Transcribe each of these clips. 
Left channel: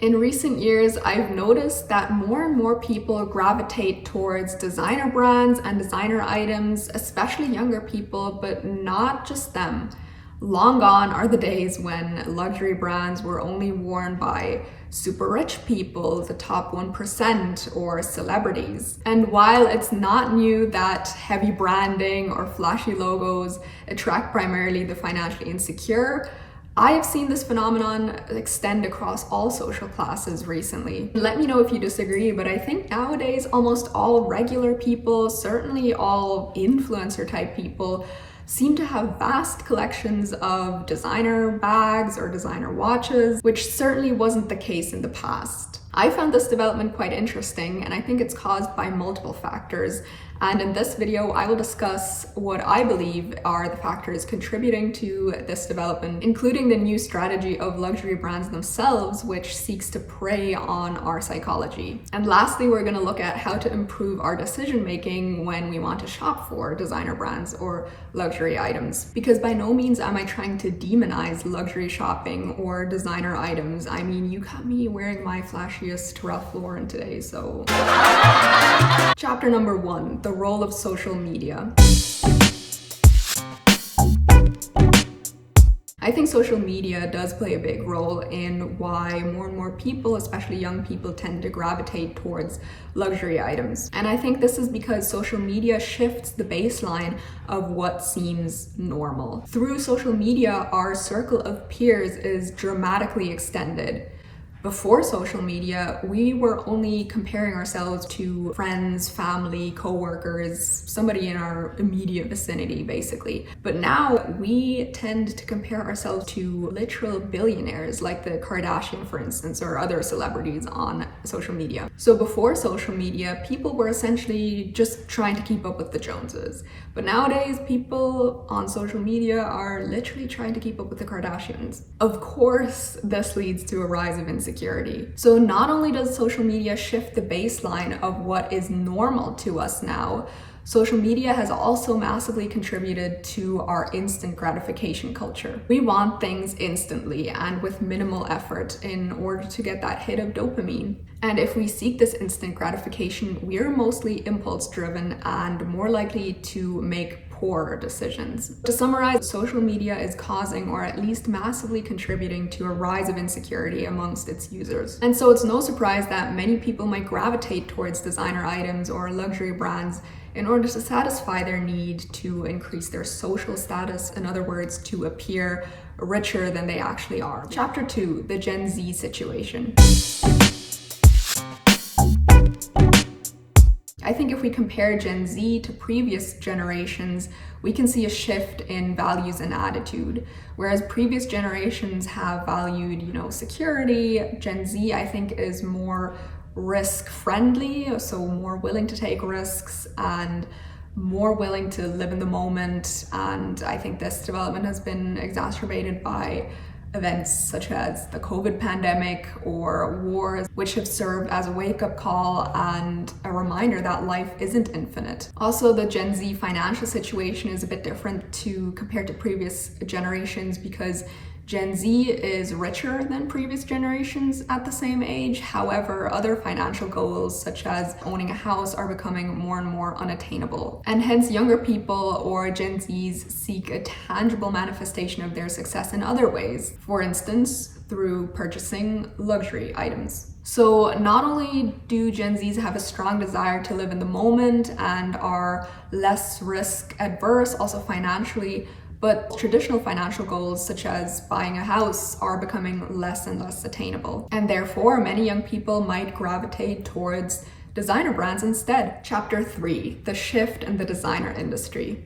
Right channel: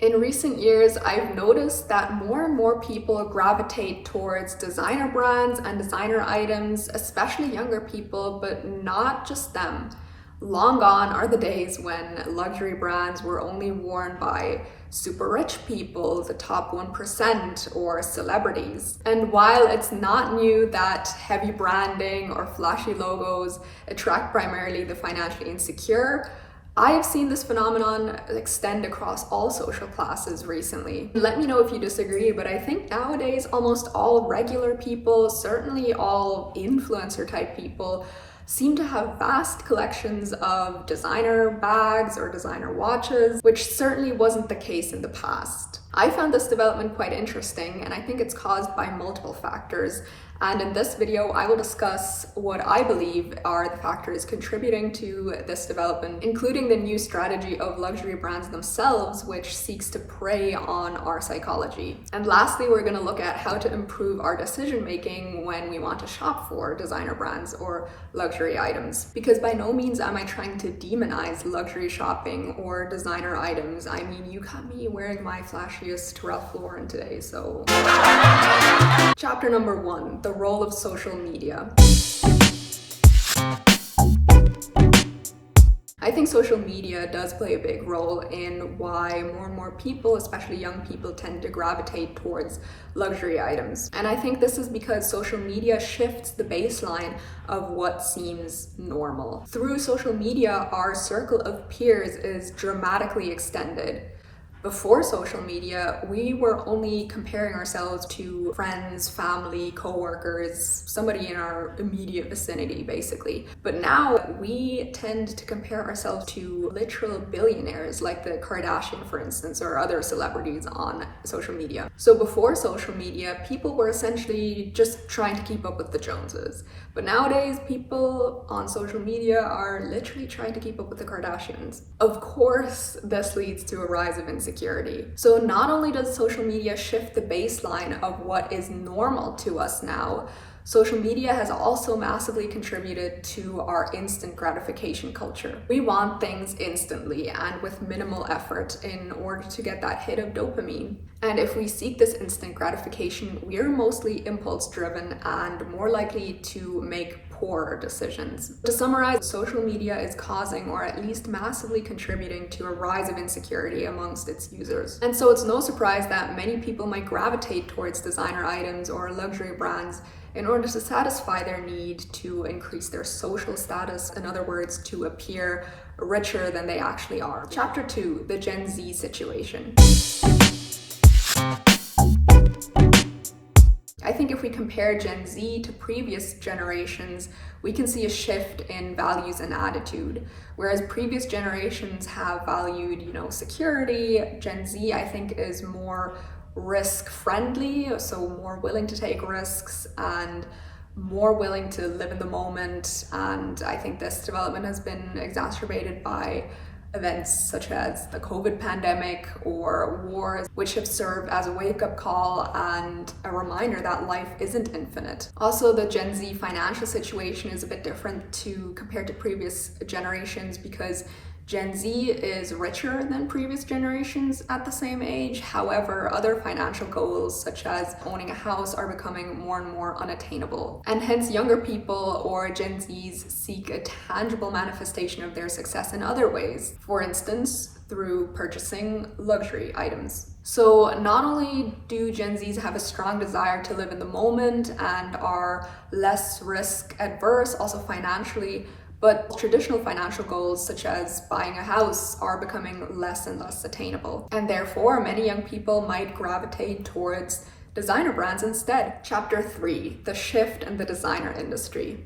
In recent years, I've noticed that more and more people gravitate towards designer brands and designer items, especially younger people, but not just them. Long gone are the days when luxury brands were only worn by super rich people, the top 1%, or celebrities. And while it's not new that heavy branding or flashy logos attract primarily the financially insecure, I have seen this phenomenon extend across all social classes recently. Let me know if you disagree, but I think nowadays almost all regular people, certainly all influencer type people, seem to have vast collections of designer bags or designer watches, which certainly wasn't the case in the past. I found this development quite interesting, and I think it's caused by multiple factors. And in this video, I will discuss what I believe are the factors contributing to this development, including the new strategy of luxury brands themselves, which seeks to prey on our psychology. And lastly, we're going to look at how to improve our decision making when we want to shop for designer brands or luxury items. Because by no means am I trying to demonize luxury shopping or designer items. I mean, you got me wearing my flashiest Ralph Lauren today, so... Chapter number 1, the role of social media. I think social media does play a big role in why more and more people, especially young people, tend to gravitate towards luxury items. And I think this is because social media shifts the baseline of what seems normal. Through social media, our circle of peers is dramatically extended. Before social media, we were only comparing ourselves to friends, family, co-workers, somebody in our immediate vicinity, basically. But now we tend to compare ourselves to literal billionaires like the Kardashian, for instance, or other celebrities on social media. So before social media, people were essentially just trying to keep up with the Joneses. But nowadays, people on social media are literally trying to keep up with the Kardashians. Of course, this leads to a rise of insecurity. So not only does social media shift the baseline of what is normal to us now, social media has also massively contributed to our instant gratification culture. We want things instantly and with minimal effort in order to get that hit of dopamine. And if we seek this instant gratification, we're mostly impulse driven and more likely to make poor decisions. To summarize, social media is causing, or at least massively contributing to, a rise of insecurity amongst its users. And so it's no surprise that many people might gravitate towards designer items or luxury brands in order to satisfy their need to increase their social status, in other words, to appear richer than they actually are. Chapter 2, the Gen Z situation. I think if we compare Gen Z to previous generations, we can see a shift in values and attitude. Whereas previous generations have valued, security, Gen Z, I think, is more risk-friendly, so more willing to take risks and more willing to live in the moment. And I think this development has been exacerbated by events such as the COVID pandemic or wars, which have served as a wake-up call and a reminder that life isn't infinite. Also, the Gen Z financial situation is a bit different compared to previous generations because Gen Z is richer than previous generations at the same age. However, other financial goals such as owning a house are becoming more and more unattainable. And hence younger people or Gen Zs seek a tangible manifestation of their success in other ways. For instance, through purchasing luxury items. So not only do Gen Zs have a strong desire to live in the moment and are less risk adverse, also financially, but traditional financial goals such as buying a house are becoming less and less attainable. And therefore, many young people might gravitate towards designer brands instead. Chapter 3, the shift in the designer industry.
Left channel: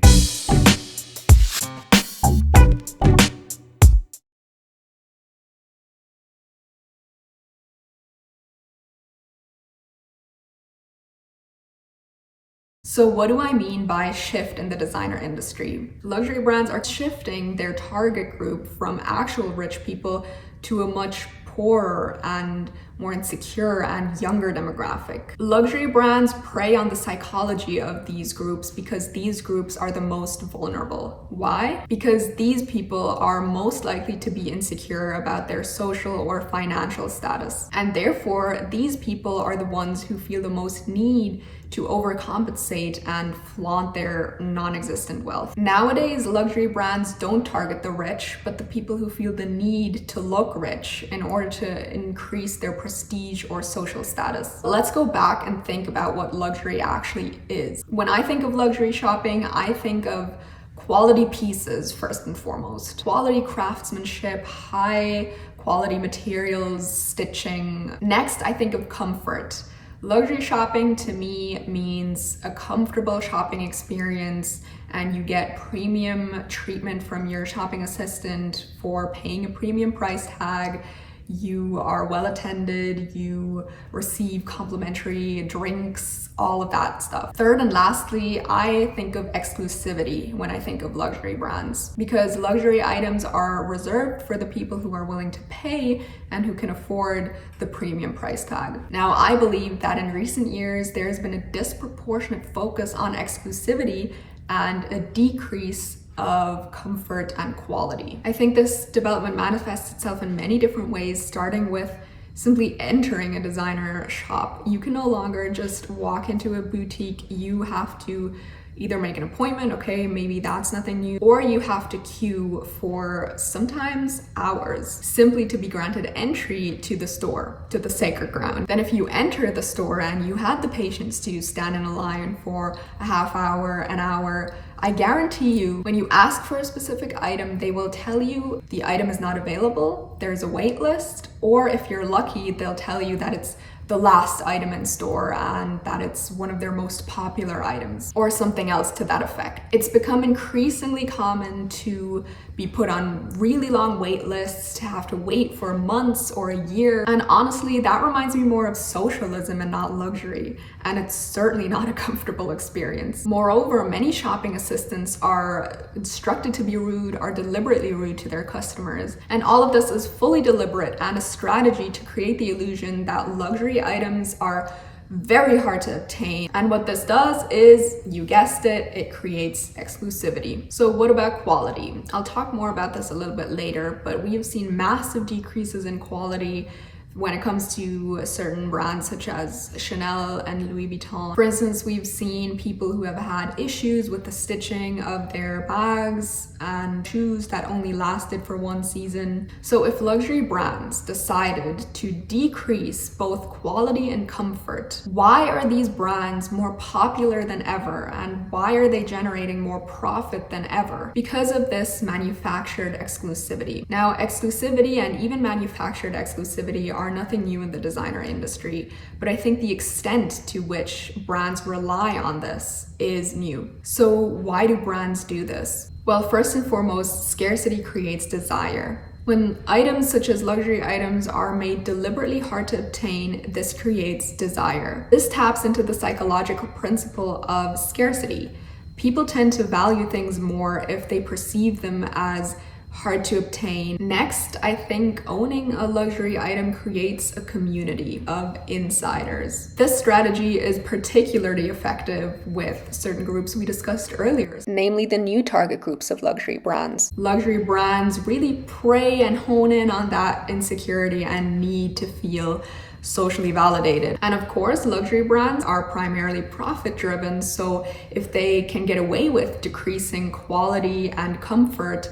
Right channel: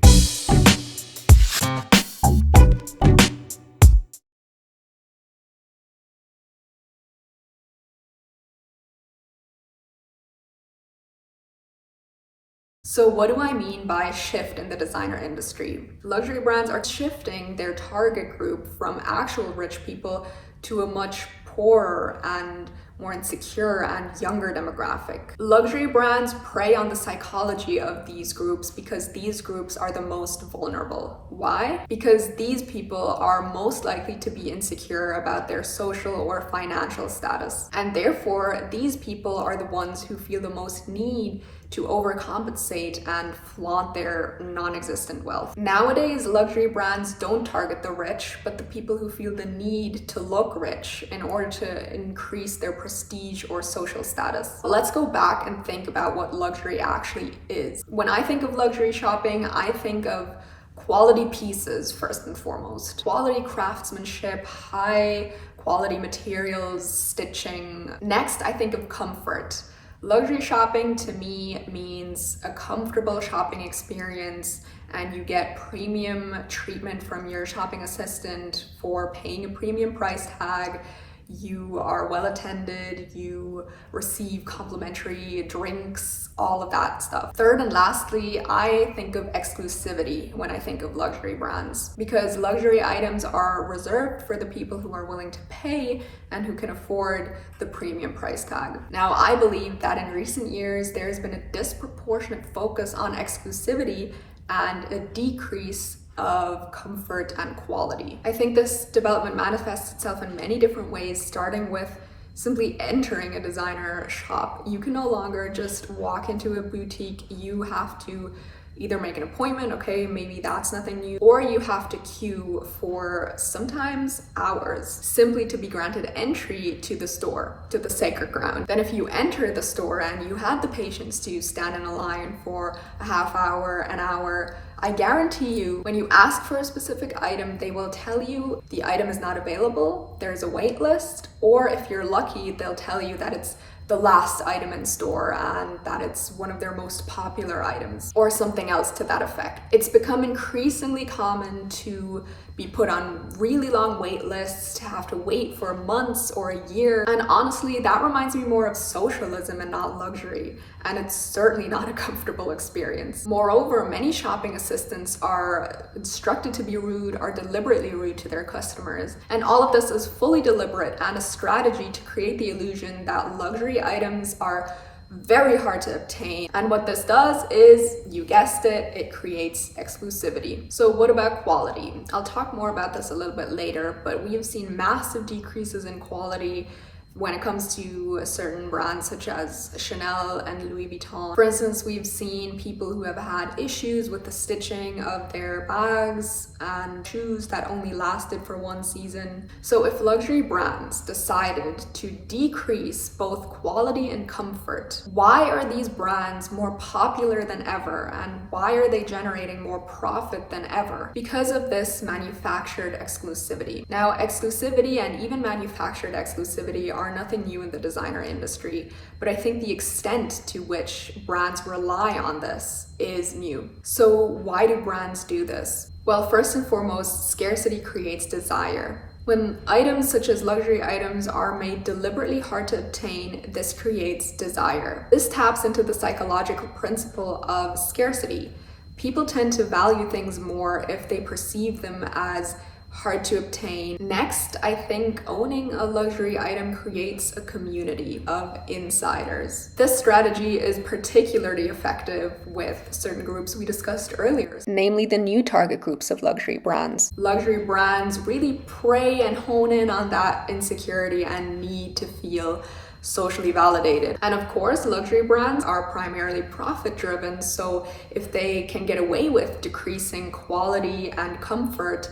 So what do I mean by shift in the designer industry? Luxury brands are shifting their target group from actual rich people to a much poorer and more insecure and younger demographic. Luxury brands prey on the psychology of these groups because these groups are the most vulnerable. Why? Because these people are most likely to be insecure about their social or financial status. And therefore, these people are the ones who feel the most need to overcompensate and flaunt their non-existent wealth. Nowadays, luxury brands don't target the rich, but the people who feel the need to look rich in order to increase their prestige or social status. Let's go back and think about what luxury actually is. When I think of luxury shopping, I think of quality pieces first and foremost. Quality craftsmanship, high quality materials, stitching. Next, I think of comfort. Luxury shopping to me means a comfortable shopping experience, and you get premium treatment from your shopping assistant for paying a premium price tag. You are well attended, you receive complimentary drinks, all of that stuff. Third and lastly, I think of exclusivity when I think of luxury brands, because luxury items are reserved for the people who are willing to pay and who can afford the premium price tag. Now, I believe that in recent years, there's been a disproportionate focus on exclusivity and a decrease of comfort and quality. I think this development manifests itself in many different ways, starting with simply entering a designer shop. You can no longer just walk into a boutique. You have to either make an appointment, okay, maybe that's nothing new, or you have to queue for sometimes hours simply to be granted entry to the store, to the sacred ground. Then if you enter the store and you had the patience to stand in a line for a half hour, an hour, I guarantee you, when you ask for a specific item, they will tell you the item is not available, there's a wait list, or if you're lucky, they'll tell you that it's the last item in store and that it's one of their most popular items, or something else to that effect. It's become increasingly common to be put on really long wait lists, to have to wait for months or a year. And honestly, that reminds me more of socialism and not luxury. And it's certainly not a comfortable experience. Moreover, many shopping assistants are instructed to be rude, are deliberately rude to their customers. And all of this is fully deliberate and a strategy to create the illusion that luxury items are very hard to obtain. And what this does is, you guessed it, it creates exclusivity. So what about quality? I'll talk more about this a little bit later, but we have seen massive decreases in quality when it comes to certain brands such as Chanel and Louis Vuitton. For instance, we've seen people who have had issues with the stitching of their bags and shoes that only lasted for one season. So if luxury brands decided to decrease both quality and comfort, why are these brands more popular than ever? And why are they generating more profit than ever? Because of this manufactured exclusivity. Now, exclusivity and even manufactured exclusivity are nothing new in the designer industry, but I think the extent to which brands rely on this is new. So why do brands do this? Well, first and foremost, scarcity creates desire. When items such as luxury items are made deliberately hard to obtain, this creates desire. This taps into the psychological principle of scarcity. People tend to value things more if they perceive them as hard to obtain. Next, I think owning a luxury item creates a community of insiders. This strategy is particularly effective with certain groups we discussed earlier, namely the new target groups of luxury brands. Luxury brands really prey and hone in on that insecurity and need to feel socially validated. And of course, luxury brands are primarily profit driven, so if they can get away with decreasing quality and comfort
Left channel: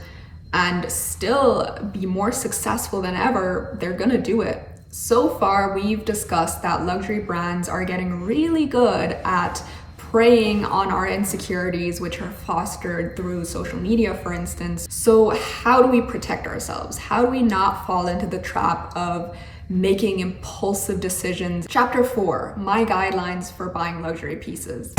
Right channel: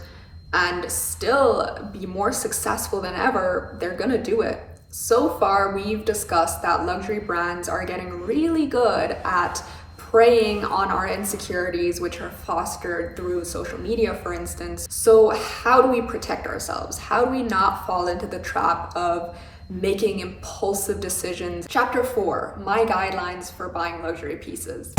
and still be more successful than ever, they're gonna do it. So far, we've discussed that luxury brands are getting really good at preying on our insecurities, which are fostered through social media, for instance. So how do we protect ourselves? How do we not fall into the trap of making impulsive decisions? Chapter 4, my guidelines for buying luxury pieces.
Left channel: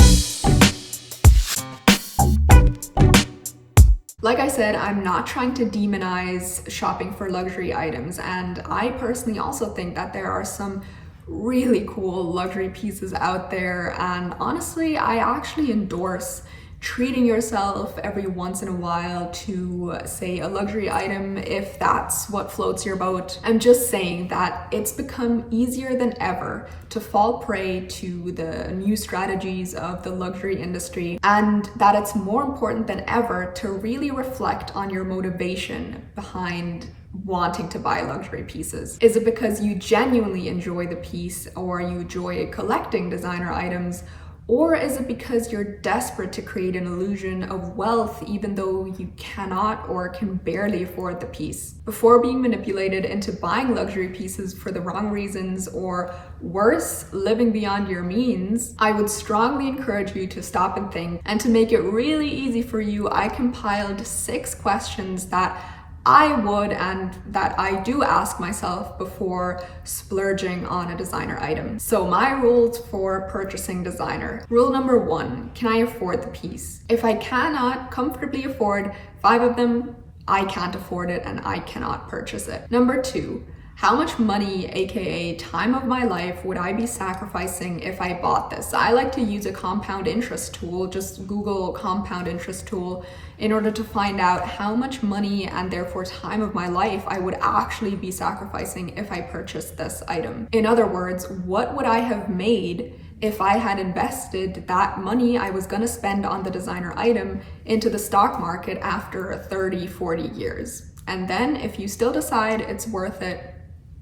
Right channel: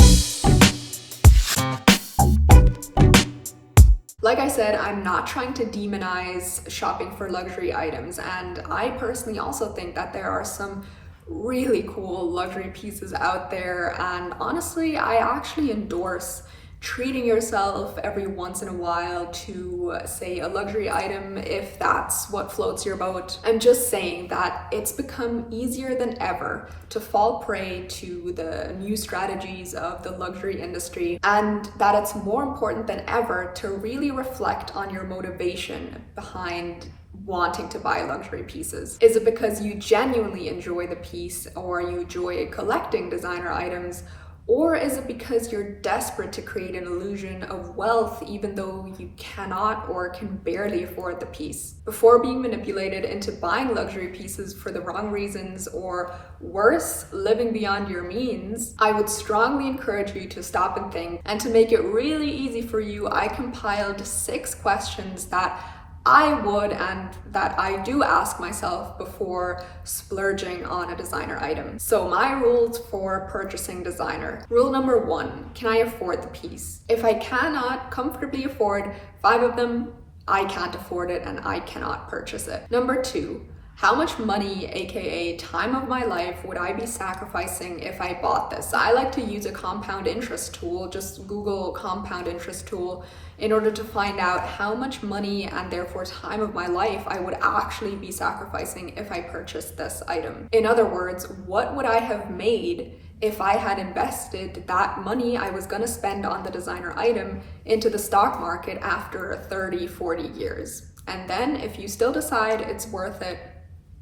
Like I said, I'm not trying to demonize shopping for luxury items, and I personally also think that there are some really cool luxury pieces out there, and honestly, I actually endorse treating yourself every once in a while to, say, a luxury item if that's what floats your boat. I'm just saying that it's become easier than ever to fall prey to the new strategies of the luxury industry, and that it's more important than ever to really reflect on your motivation behind wanting to buy luxury pieces. Is it because you genuinely enjoy the piece or you enjoy collecting designer items? Or is it because you're desperate to create an illusion of wealth even though you cannot or can barely afford the piece? Before being manipulated into buying luxury pieces for the wrong reasons, or worse, living beyond your means, I would strongly encourage you to stop and think. And to make it really easy for you, I compiled 6 questions that I would and that I do ask myself before splurging on a designer item. So my rules for purchasing designer. Rule number 1, can I afford the piece? If I cannot comfortably afford 5 of them, I can't afford it and I cannot purchase it. Number 2, how much money, aka time of my life, would I be sacrificing if I bought this? I like to use a compound interest tool, just Google compound interest tool, in order to find out how much money and therefore time of my life I would actually be sacrificing if I purchased this item. In other words, what would I have made if I had invested that money I was gonna spend on the designer item into the stock market after 30, 40 years? And then if you still decide it's worth it,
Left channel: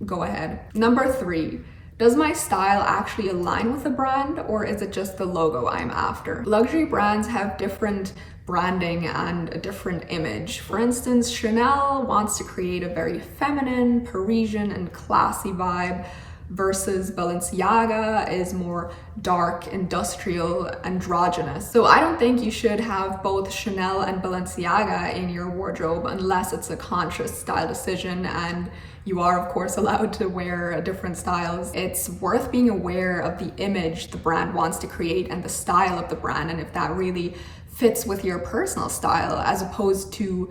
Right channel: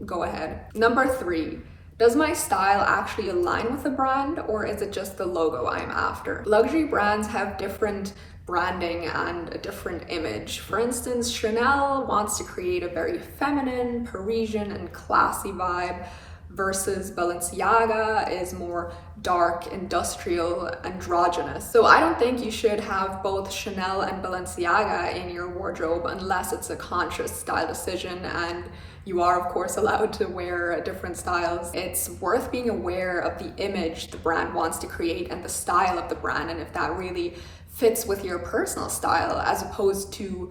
go ahead. Number 3, does my style actually align with the brand, or is it just the logo I'm after? Luxury brands have different branding and a different image. For instance, Chanel wants to create a very feminine, Parisian, and classy vibe, versus Balenciaga is more dark, industrial, androgynous. So I don't think you should have both Chanel and Balenciaga in your wardrobe unless it's a conscious style decision, and you are of course allowed to wear different styles. It's worth being aware of the image the brand wants to create and the style of the brand, and if that really fits with your personal style, as opposed to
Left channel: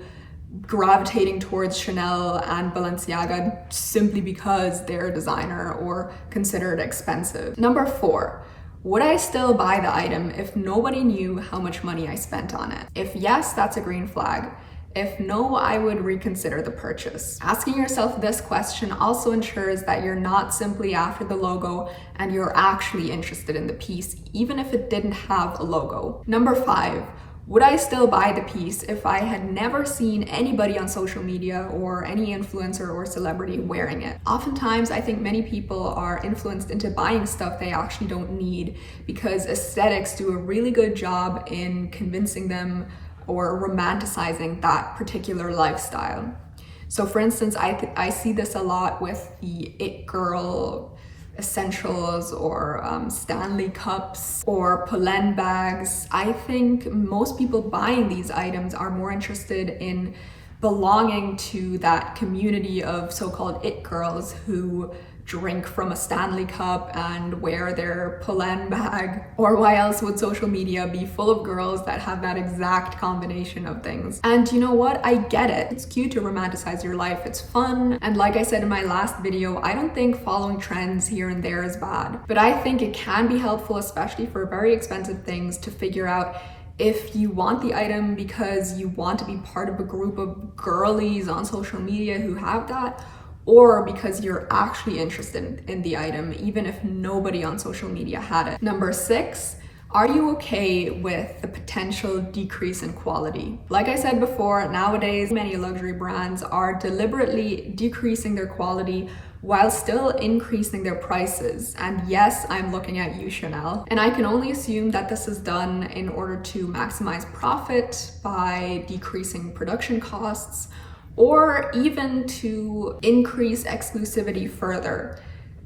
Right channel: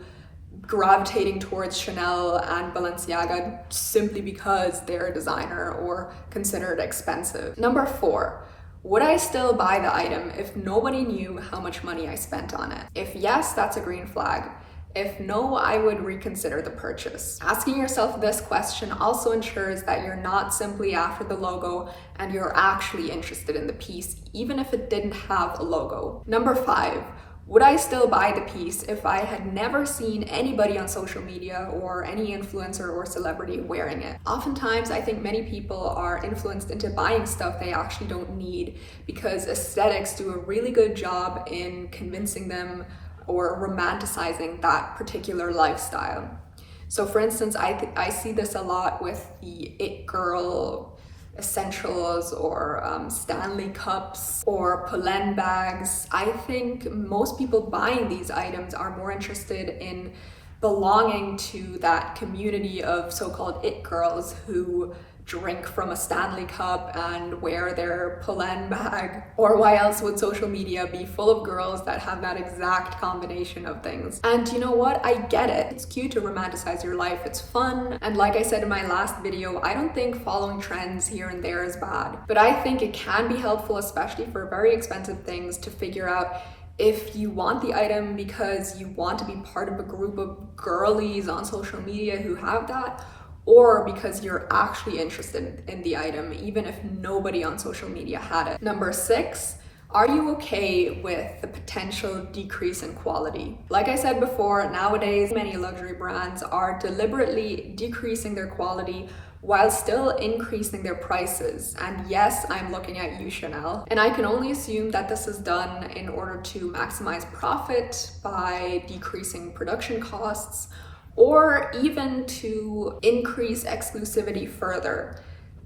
gravitating towards Chanel and Balenciaga simply because they're a designer or considered expensive. Number 4, would I still buy the item if nobody knew how much money I spent on it? If yes, that's a green flag. If no, I would reconsider the purchase. Asking yourself this question also ensures that you're not simply after the logo and you're actually interested in the piece, even if it didn't have a logo. Number 5, would I still buy the piece if I had never seen anybody on social media or any influencer or celebrity wearing it? Oftentimes, I think many people are influenced into buying stuff they actually don't need because aesthetics do a really good job in convincing them or romanticizing that particular lifestyle. So for instance, I see this a lot with the It Girl essentials or Stanley cups or Polen bags. I think most people buying these items are more interested in belonging to that community of so-called it girls who drink from a Stanley cup and wear their Polen bag. Or why else would social media be full of girls that have that exact combination of things? And you know what? I get it. It's cute to romanticize your life. It's fun. And like I said in my last video, I don't think following trends here and there is bad. But I think it can be helpful, especially for very expensive things, to figure out if you want the item because you want to be part of a group of girlies on social media who have that, or because you're actually interested in the item, even if nobody on social media had it. Number 6, are you okay with the potential decrease in quality? Like I said before, nowadays, many luxury brands are deliberately decreasing their quality while still increasing their prices. And yes, I'm looking at you, Chanel. And I can only assume that this is done in order to maximize profit by decreasing production costs, or even to increase exclusivity further.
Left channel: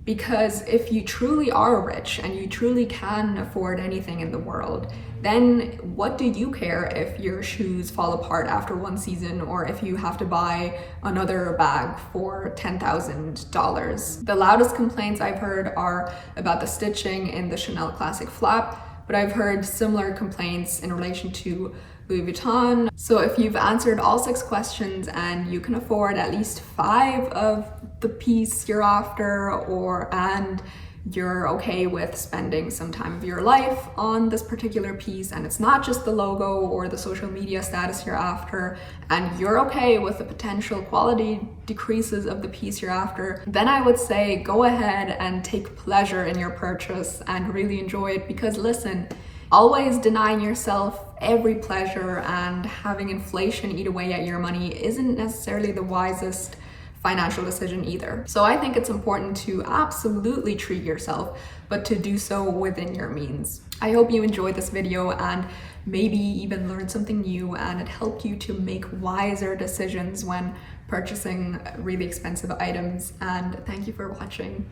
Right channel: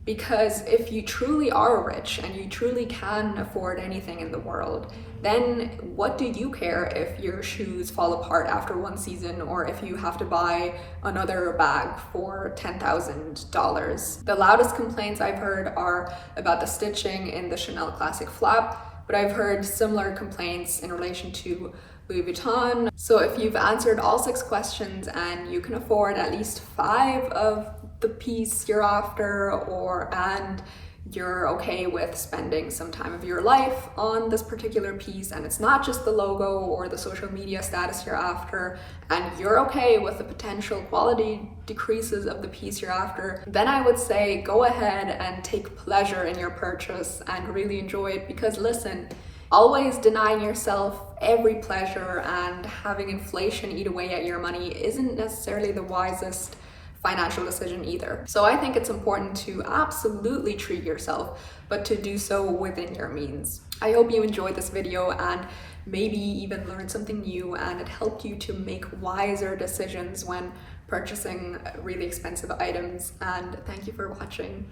Because if you truly are rich and you truly can afford anything in the world, then what do you care if your shoes fall apart after one season or if you have to buy another bag for $10,000? The loudest complaints I've heard are about the stitching in the Chanel Classic Flap, but I've heard similar complaints in relation to Louis Vuitton. So if you've answered all 6 questions and you can afford at least 5 of the piece you're after, and you're okay with spending some time of your life on this particular piece, and it's not just the logo or the social media status you're after, and you're okay with the potential quality decreases of the piece you're after, then I would say go ahead and take pleasure in your purchase and really enjoy it. Because listen, always denying yourself every pleasure and having inflation eat away at your money isn't necessarily the wisest financial decision either. So I think it's important to absolutely treat yourself, but to do so within your means. I hope you enjoyed this video and maybe even learned something new, and it helped you to make wiser decisions when purchasing really expensive items. And thank you for watching.